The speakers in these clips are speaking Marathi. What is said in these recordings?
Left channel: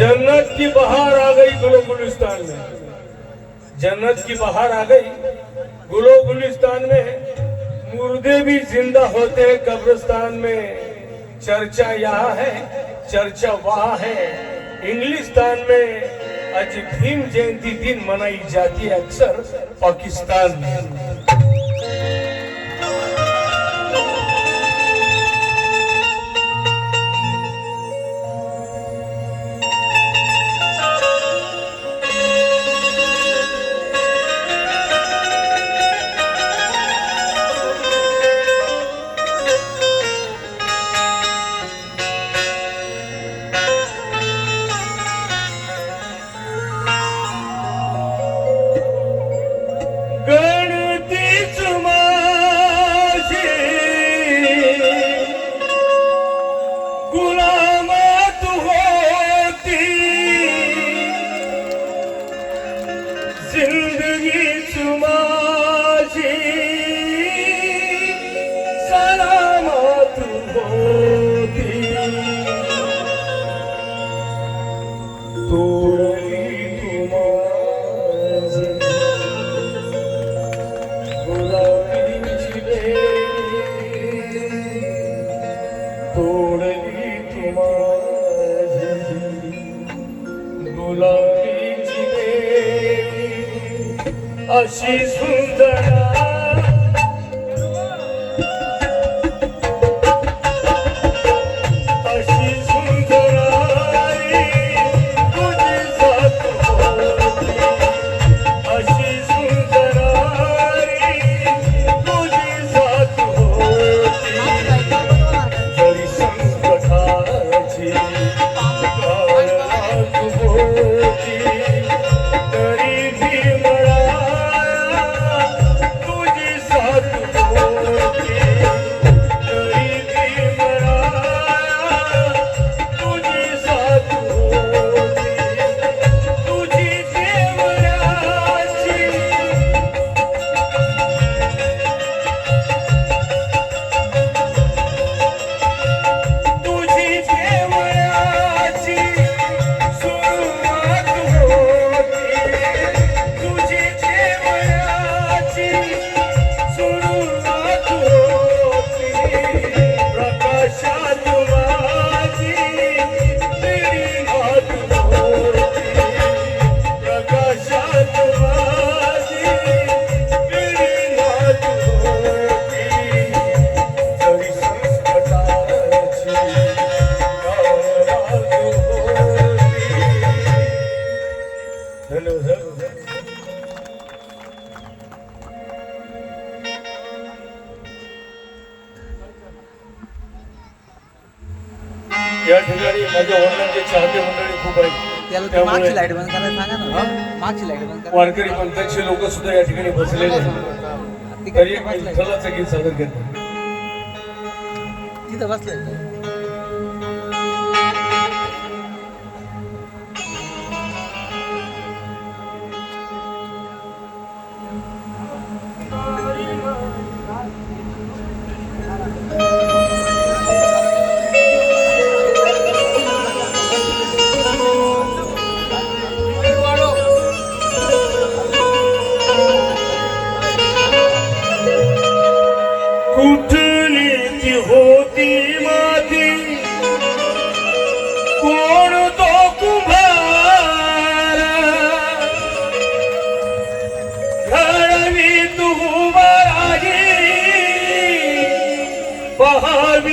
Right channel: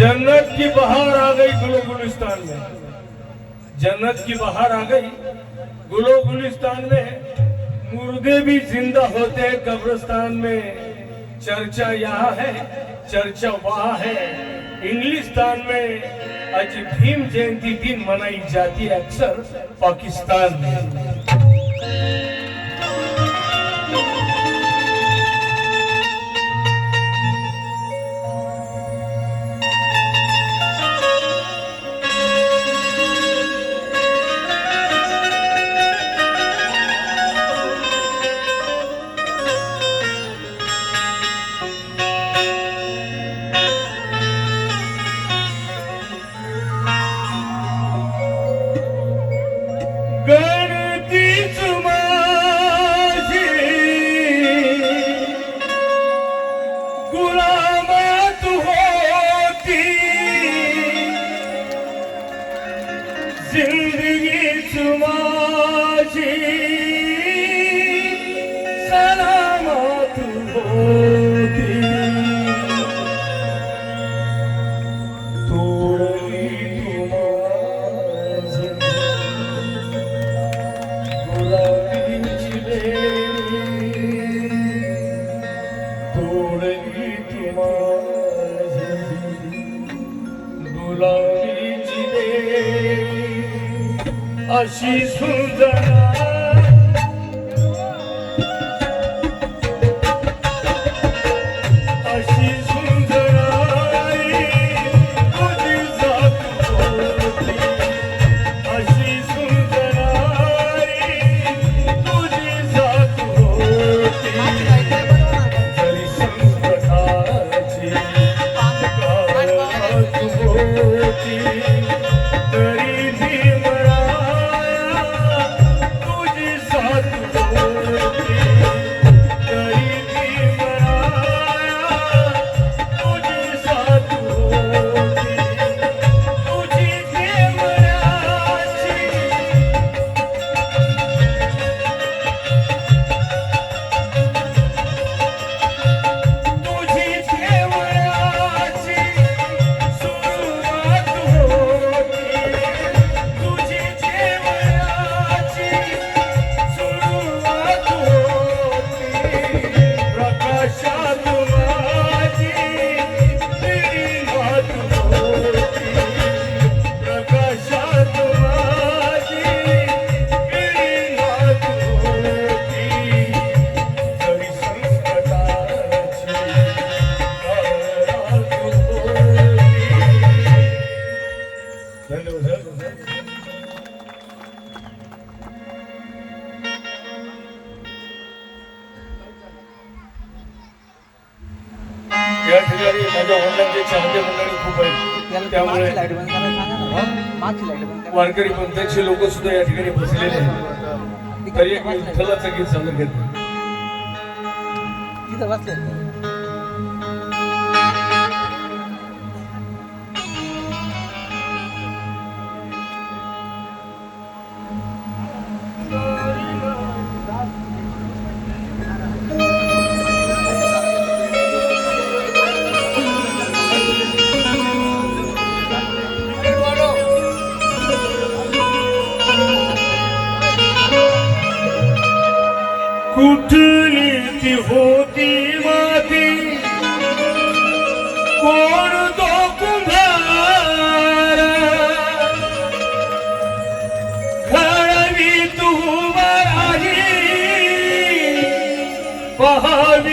जन्नत की बहार आ गई गुलो गुलिस्तान में। जन्नत की बहार आ गई गुलो गुलिस्तान में। मुर्दे भी ज़िंदा होते हैं कब्रिस्तान में। चर्चा यहाँ है, चर्चा वहाँ है। इंग्लिस्तान में आज भीम जयंती दिन मनाई जाती है अक्सर पाकिस्तान में। त्याला ते त्यामुळे मागची लाइट बंद करायला सांगा ना. मागची लाइट बंद करा वारकरी पंथाचे लोक सुद्धा या ठिकाणी बसलेले आहेत. तरी एक विठ्ठलाचं गीत सादर करतो. तिथं बसलंय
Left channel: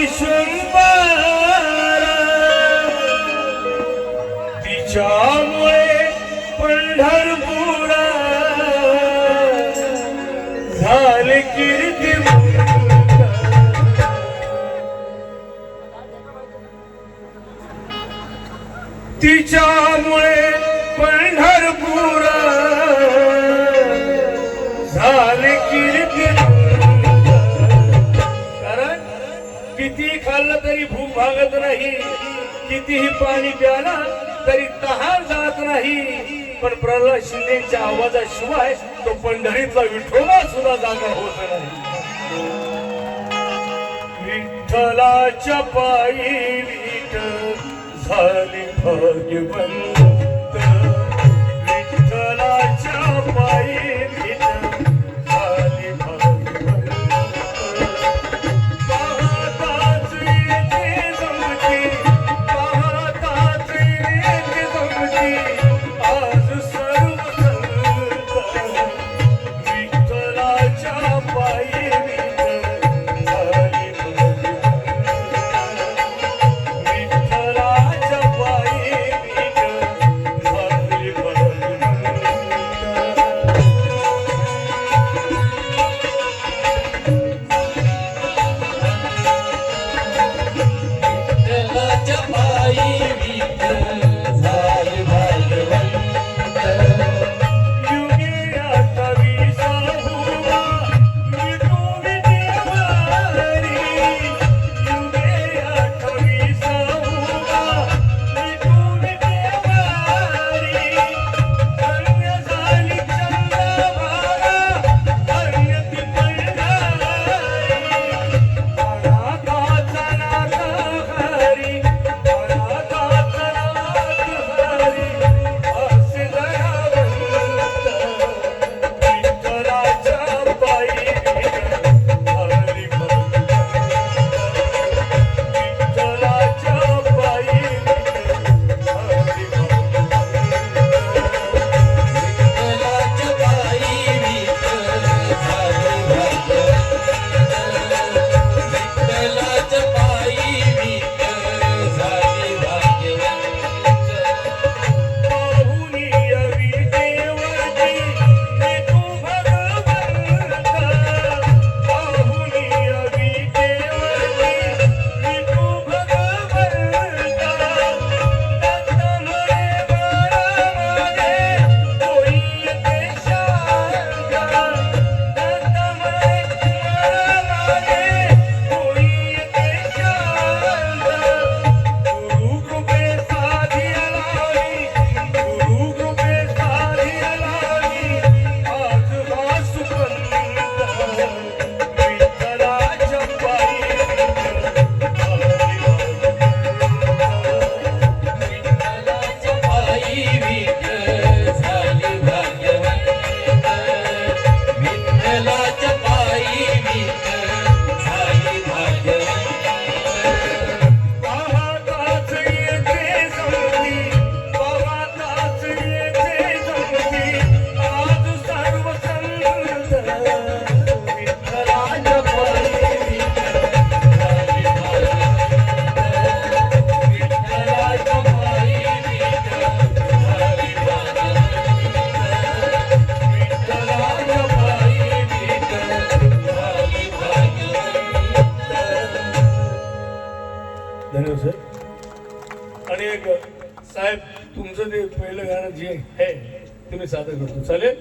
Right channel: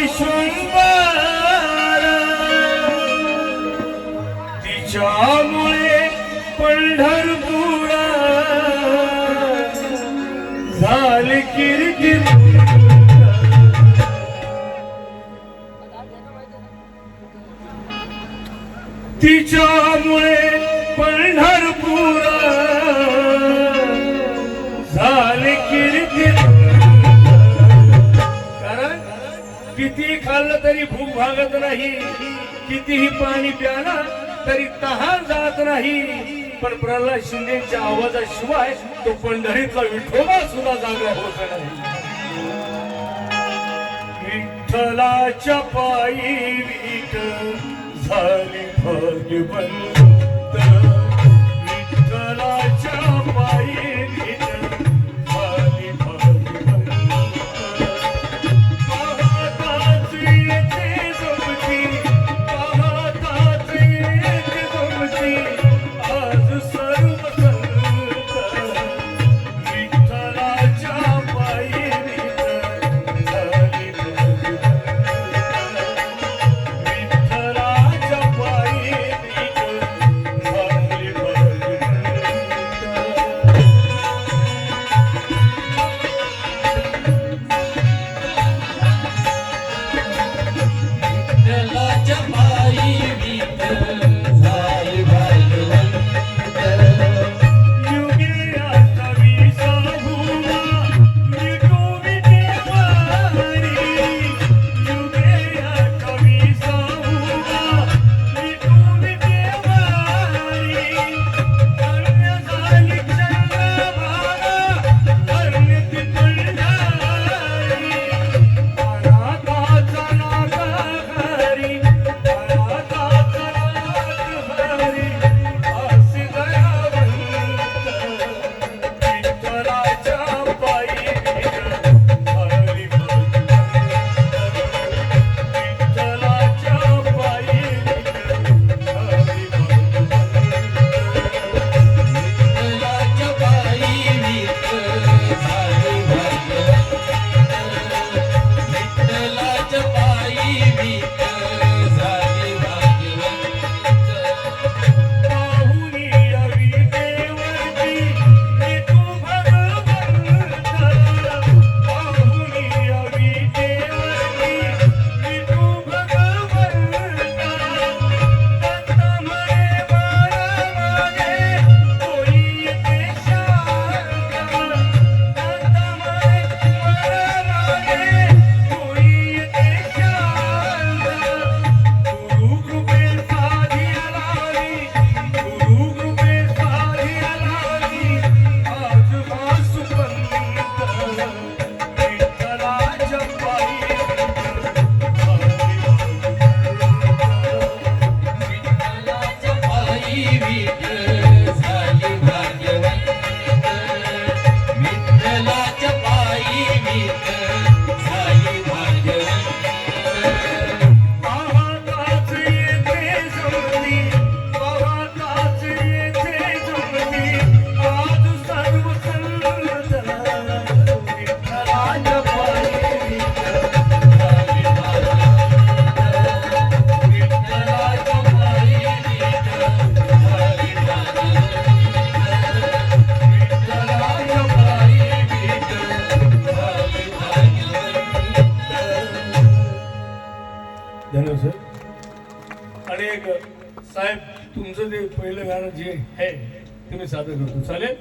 पहावी तिच्यामुळे पंढरपूर झाले कीर्ती तिच्यामुळे पंढरपूर झाले कीर्ती किती खाल्लं तरी भूक भागत नाही. कितीही पाणी प्याला तरी तहान जात नाही. पण प्रल्हाद शिंदेच्या आवाजाशिवाय तो पंढरीतला विठोबा सुद्धा जागा होत नाही. विठ्ठलाच्या पायी विठ झाली भाग्यवंत ജീവിക്കും पहिलं गाणं जे आहे ते मी सादर करतो. चालेल?